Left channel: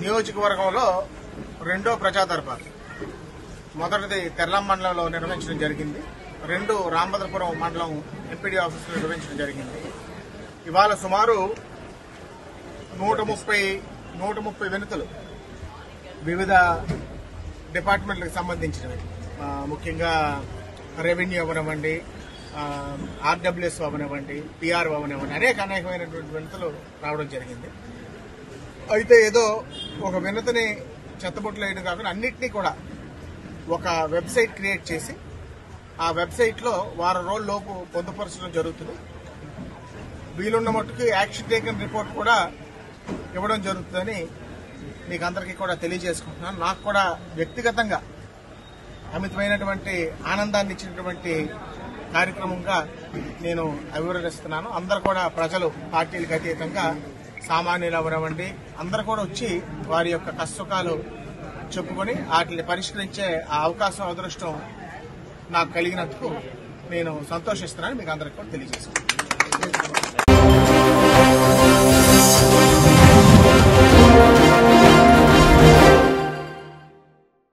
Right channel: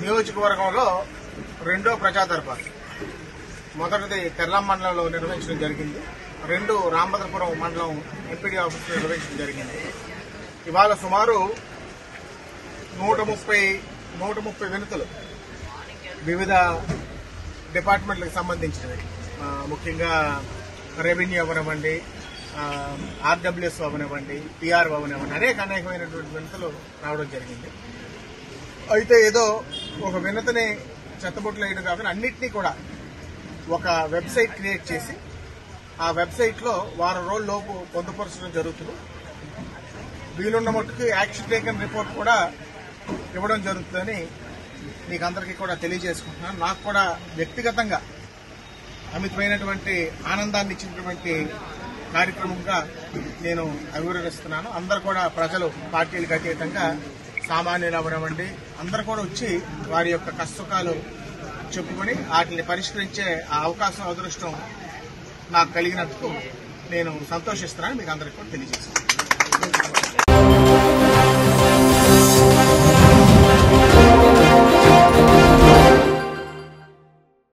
నియోజకవర్గంలో రెండో ప్రజాదర్బార్ మొదటిది తెర్లాం మండలంలో నిర్వహించడం జరిగింది. రెండు రామభద్రపురం మండలం ఎంపీడీ ఆఫీసులో నిర్వహించడం జరిగింది. ఇవాళ సుమారు 130 వినతులు వివిధ డిపార్ట్మెంట్లకు సంబంధించినవి, ముఖ్యంగా రెవెన్యూ అవనివ్వండి, ఆర్డబ్ల్యూఎస్ అవనివ్వండి, పిఆర్ అవనివ్వండి, అనేకమైనటువంటి వినతులు రావడం జరిగింది. అయితే ఏదో ఒక వినతిని చెత్తబొట్లు వేయడం కాకుండా అన్నింటినీ కూడా ఒక వెబ్సైట్ క్రియేట్ చేసి ఆ వెబ్సైట్లో వారం రోజుల్లోపు పొందుపరచడం జరుగుతుంది. వీలున్న మట్టుకు యాక్షన్ టేకన్ రిపోర్ట్ కూడా ఇవ్వడం జరుగుతుందని మీకు అందరికీ కూడా తెలియజేసుకుంటున్నాను. నాకు కూడా వ్యక్తిగతంగా అమితమైనటువంటి ఆనందాన్ని ఇచ్చినటువంటి కార్యక్రమంగా నేను అభివర్ణిస్తున్నాను. అందరూ కూడా ప్రజలు పార్టీలకు అతీతంగా సామాన్యులు అవనివ్వండి అందరూ కూడా వచ్చి వారి యొక్క కష్టసుఖాలు చెప్పుకొని వాటిని పరిష్కరించే ఆ అవకాశం అదృష్టం నాకు కలిగినందుకు నేను సంతోషిస్తున్నాను. మీకు అందరికీ కూడా తెలియజేస్తున్నాను.